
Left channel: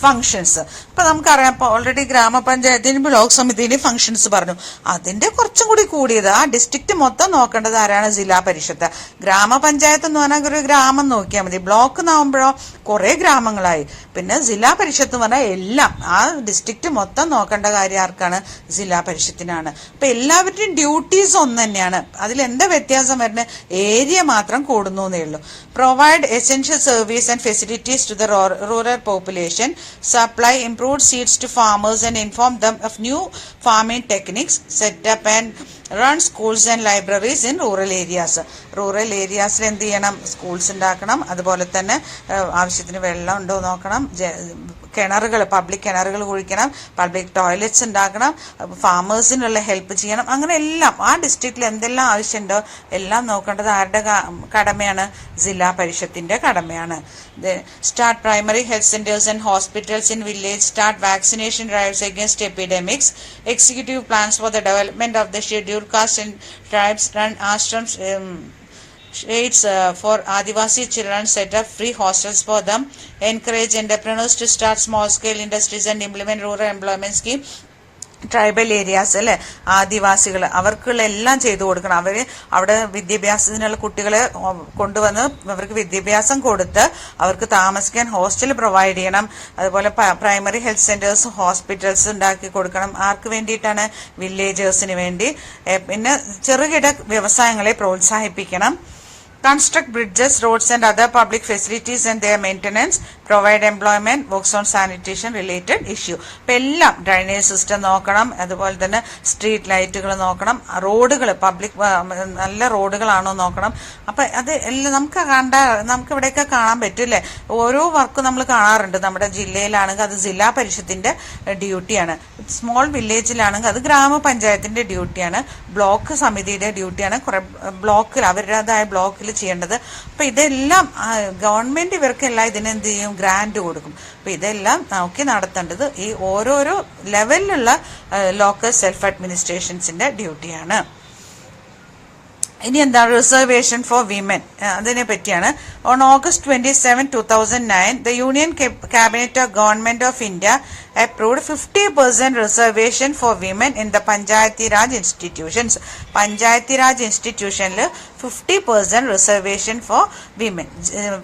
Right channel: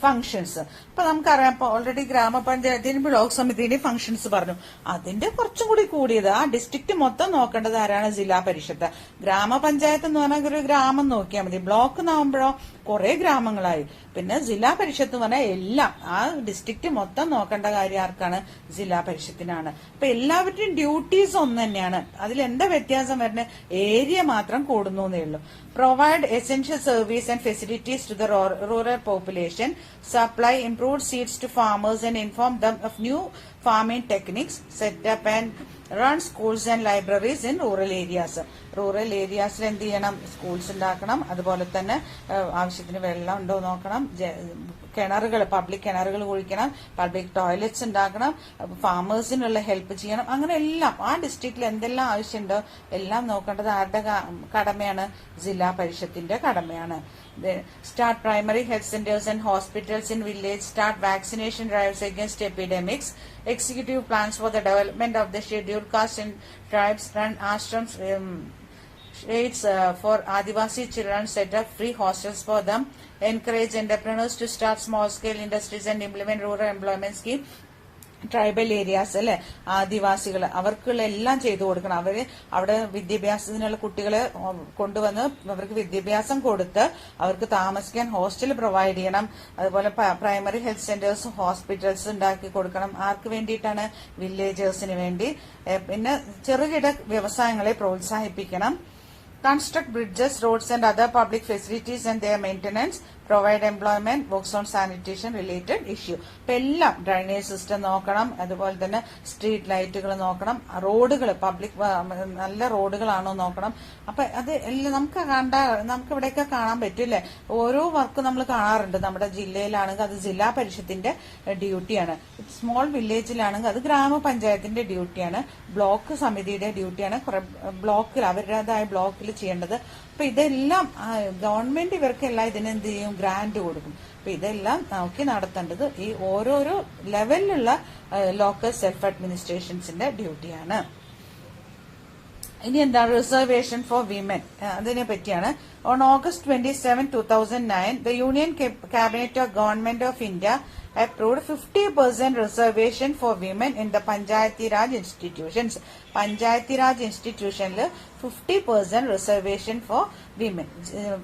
ഫങ്ഷൻസ് ഇപ്പൊ നമുക്കറിയാം. ഇപ്പൊ ഓൾറെഡി ഗ്രാമപഞ്ചായത്തിന് ബ്ലോക്ക് സമിതിയിലെ ഫങ്ഷൻസ് പറഞ്ഞു. അതിന്റെ കുറച്ചും കൂടി കൂടിയത് ആ ഡിസ്ട്രിക്ട് മൊത്തം നോക്കേണ്ടത് ആരാണ്? ജില്ലാ പരിഷത്ത്. ഗ്രാമപഞ്ചായത്ത് എന്ന് പറഞ്ഞാൽ ഒരു ഗ്രാമം നോക്കിയാൽ മതി. ബ്ലോക്ക് എന്നാകുമ്പോഴോ കുറേ ഗ്രാമങ്ങളായി. പിന്നെ ജില്ലാ പരിഷത്ത് എന്ന് പറഞ്ഞാൽ എല്ലാം ആ ഡിസ്ട്രിക്റ്റ് മൊത്തം നോക്കേണ്ട കാര്യം ആർക്കാണ്? ജില്ലാ പരിഷത്തിനാണ്. അപ്പൊ എല്ലാവരുടെയും ഡ്യൂട്ടീസ് ഒന്ന് തന്നെയാണ്. അതിലെന്താ വ്യത്യാസം വരുന്നത്? ഏരിയ മാത്രം കൂടുന്നു എന്നേ ഉള്ളൂ. Provide essential service and facilities to the rural population, supply improved seeds to farmers and inform them of new farming techniques, set up and run schools and libraries in rural areas. Rural ഏരിയാസിൽ എന്ത് ചെയ്യണം? Schools ഉണ്ടാക്കണം. അതുപോലെ തന്നെ ആവശ്യത്തിന് വെള്ളം ഉണ്ടോ നോക്കണം. കിണറുകൾ, പബ്ലിക് കിണറുകൾ കുഴിക്കണം. പബ്ലിക് ടോയ്ലറ്റ്സ് ഉണ്ടാക്കണം. ഫാമേഴ്സിനുള്ള ഹെൽപ്പ് ചെയ്യണം. അങ്ങനെ എല്ലാം ആ ഡിസ്ട്രിക്റ്റിൽ എന്തെല്ലാം ആവശ്യമുണ്ടോ എല്ലാം നോക്കേണ്ടത് ആരുടെ കടമയാണ്? ജില്ലാ പരിഷത്തിന്റെ കടമയാണ്. Start primary health centres and hospitals in village, start vaccination drives against epidemics, executive plans for the development of the scheduled caste and tribes, run ashrams shades for Adivasi children, set up free hostels for them, encourage entrepreneurs to start small scale industries and implement rural employment scheme. Tribal areas അല്ലെ, ആദിവാസികൾ, അവർക്കുള്ള എല്ലാം ചെയ്തു കൊടുക്കണം. അവിടെ വിദ്യാഭ്യാസത്തിനുള്ള കുട്ടികളെ കൊണ്ടുവന്ന് അവർക്ക് വിദ്യാഭ്യാസം കൊടുത്ത് അവർക്ക് താമസിക്കാൻ ഹോസ്റ്റൽ പ്രൊവൈഡ് ചെയ്യണം. അതുപോലെ പ്രൈമറി ഹെൽത്ത് സെന്റേഴ്സ്, ഹോസ്പിറ്റൽസ് ഉണ്ടാക്കി കൊടുക്കണം. ആർക്ക് വേണ്ടിയിട്ടാണ്? വില്ലേജേഴ്സിന് വേണ്ടി. പിന്നെ ചെറുകിട വ്യവസായങ്ങളെ പ്രോത്സാഹിപ്പിക്കണം. Construct bridges, roads and other public facilities and their maintenance, provide employment, works on sanitation related issue. ഇപ്പം എല്ലാം ഡ്രൈനേജ് സിസ്റ്റം നോക്കണം. അതുപോലെ തന്നെ സ്ട്രീറ്റ് ലൈറ്റുകൾ നോക്കണം. റോഡുകൾ, പബ്ലിക് നല്ല റോഡുകളാണോ നോക്കണം. അപ്പം അത് എല്ലാം നമുക്ക് ഇവിടെയൊക്കെ കാണാൻ പറ്റില്ലേ? ഓരോ വർക്കും നമ്മൾ കാണാറുണ്ട്. നമ്മുടെ ജില്ലയിലാണെങ്കിൽ അത് ജില്ലാ പരിഷത്തിന്റെ ഡ്യൂട്ടിയാണ്. സ്മോൾ വില്ലേജിലാണെങ്കിൽ അത് ഗ്രാമപഞ്ചായത്തിന്റെ ഡ്യൂട്ടിയാണ്. ബ്ലോക്ക് സമിതിയുടെ ഡ്യൂട്ടിയാണ്. കുറെ ബ്ലോക്കിൽ അവരുടേതായ ബ്ലോക്കിൽ ചെയ്യേണ്ടത്. അപ്പൊ ഇതെല്ലാം ഗവൺമെന്റ് ഇവർക്കെല്ലാം ഇതിനെന്ത് ചെയ്യും? ഗ്രാന്റ് കൊടുക്കും. അപ്പൊ ഇതെല്ലാം നോക്കി നടത്തേണ്ടത് ഈ ഓരോരോ ലെവലിലുള്ള ലോക്കൽ സെൽഫ് അഡ്മിനിസ്ട്രേഷൻസിന്റെ ഡ്യൂട്ടിയാണ്. ഇനി എന്താണ് റിസർവേഷൻ ഫോർ വിമൻ? അതിനെ പറ്റിയാണ്. On August 27, 2009, the Union Cabinet of Government of India approved 50% reservation for women in the Panchayati Raj institutions. Panchayati Raj ഇൻസ്റ്റിറ്റ്യൂഷനിൽ 50% റിസർവേഷൻ ഫോർ വിമൻ,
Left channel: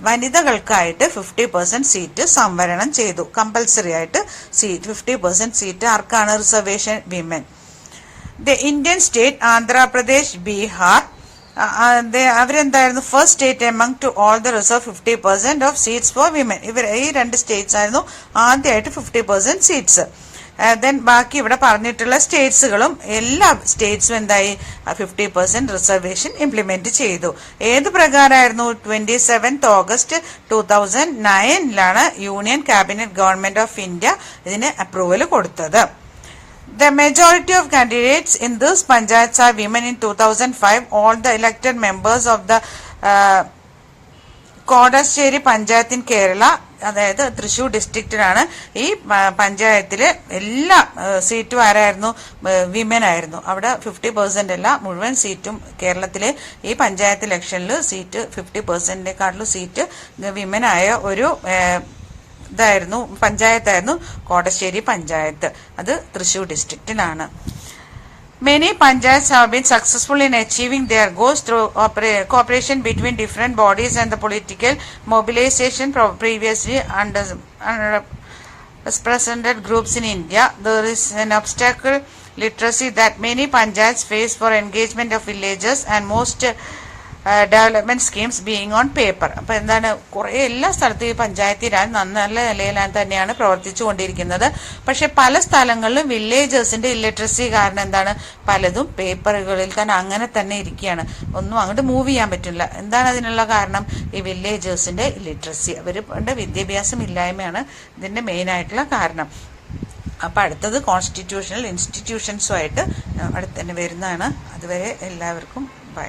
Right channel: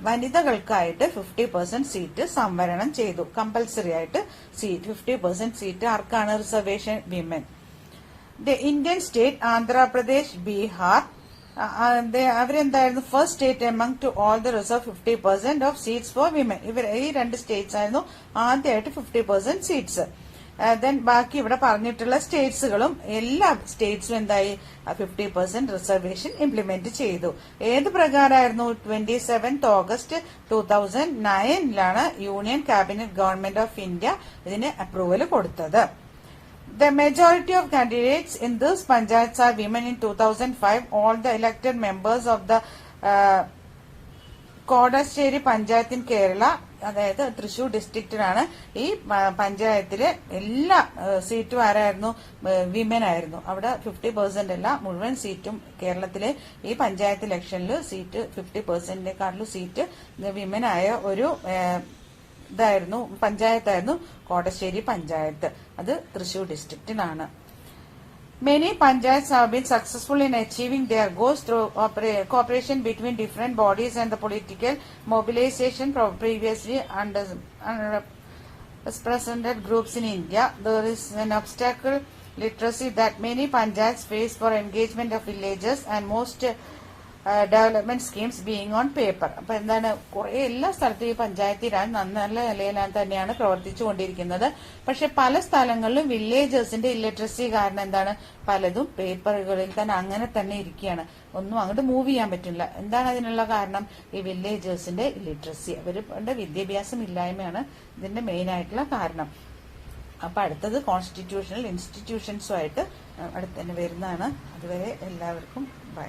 വനിതകൾക്കായിട്ട് 50% സീറ്റ് സംവരണം ചെയ്തു. കമ്പൽസറി ആയിട്ട് 50% സീറ്റ് ആർക്കാണ് reservation? Women. The Indian state Andhra Pradesh, Bihar അവരെന്തായിരുന്നു? First state among to all the reserve 50% of seats for women. ഈ രണ്ട് States ആയിരുന്നു ആദ്യമായിട്ട് 50% സീറ്റ്സ്. ദെൻ ബാക്കി ഇവിടെ പറഞ്ഞിട്ടുള്ള സ്റ്റേറ്റ്സുകളും എല്ലാ സ്റ്റേറ്റ്സും എന്തായി? 50% റിസർവേഷൻ ഇംപ്ലിമെന്റ് ചെയ്തു. ഏത് പ്രകാരമായിരുന്നു? 27 August 2009 union cabinet government of India ഇതിന് അപ്രൂവൽ കൊടുത്തത്. The majority of candidates in this panchayats are women. In 2005, all the elected members of the Kodassery panchayat in Kerala, അതായത് തൃശൂർ ഡിസ്ട്രിക്റ്റിലാണ് ഈ പഞ്ചായത്തില് എല്ലാ സീറ്റും ആരായിരുന്നു? വിമൻ ആയിരുന്നു. അവിടെ 50% അല്ല, മുഴുവൻ സീറ്റും കേരളത്തിലെ ഈ പഞ്ചായത്ത് ഇലക്ഷനിൽ സീറ്റ് 50%-നെക്കാട്ടിലും സീറ്റ് വിമൻ ആയ ഒരു ഇതായിരുന്നു, പഞ്ചായത്തായിരുന്നു കോടശ്ശേരി പഞ്ചായത്ത്. അത് Thrissur ഡിസ്ട്രിക്റ്റിലാണ്. Many panchayats have been successful in achieving their goals through cooperation between different bodies and the political mobilization previously underrepresented groups in India. There is an obstacle literacy that many panchayats face for engagement of villagers and most development schemes being on paper. അപ്പൊ എന്താണ്? കുറെ എല്ലാ സ്ഥലത്തും ഈ പഞ്ചായത്തി രാജ് നല്ല നിലയിൽ തന്നെയാണ് പ്രവർത്തിച്ചു കൊണ്ടിരിക്കുന്നത്. പക്ഷെ പല സ്ഥലങ്ങളിലും വില്ലേജേഴ്സിന്റെ ഇല്ലിറ്ററസി കാരണം എന്താണ്? പലതും പേപ്പറുകളിൽ തന്നെ അങ്ങനെ തന്നെ ഇരിക്കുകയാണ്. ഒന്നും അങ്ങോട്ട് മൂവ് ചെയ്യാൻ പറ്റില്ല. എന്താണ് അതിനുള്ള കാരണം? ഈ വില്ലേജേഴ്സിന്റെ ഇല്ലിറ്ററസി, അവരുടെ വിദ്യാഭ്യാസം ഇല്ലായ്മയാണ് ഇതിന്റെ മെയിൻ ആയിട്ടുള്ള കാരണം. അപ്പൊ അടുത്തത് കോൺസ്റ്റിറ്റ്യൂഷണൽ ഇൻസ്റ്റിറ്റ്യൂഷൻസുമായിട്ട് അടുത്ത് തന്നെ വരുന്നതാണ്. അതുവരെ എല്ലാവർക്കും ബൈ.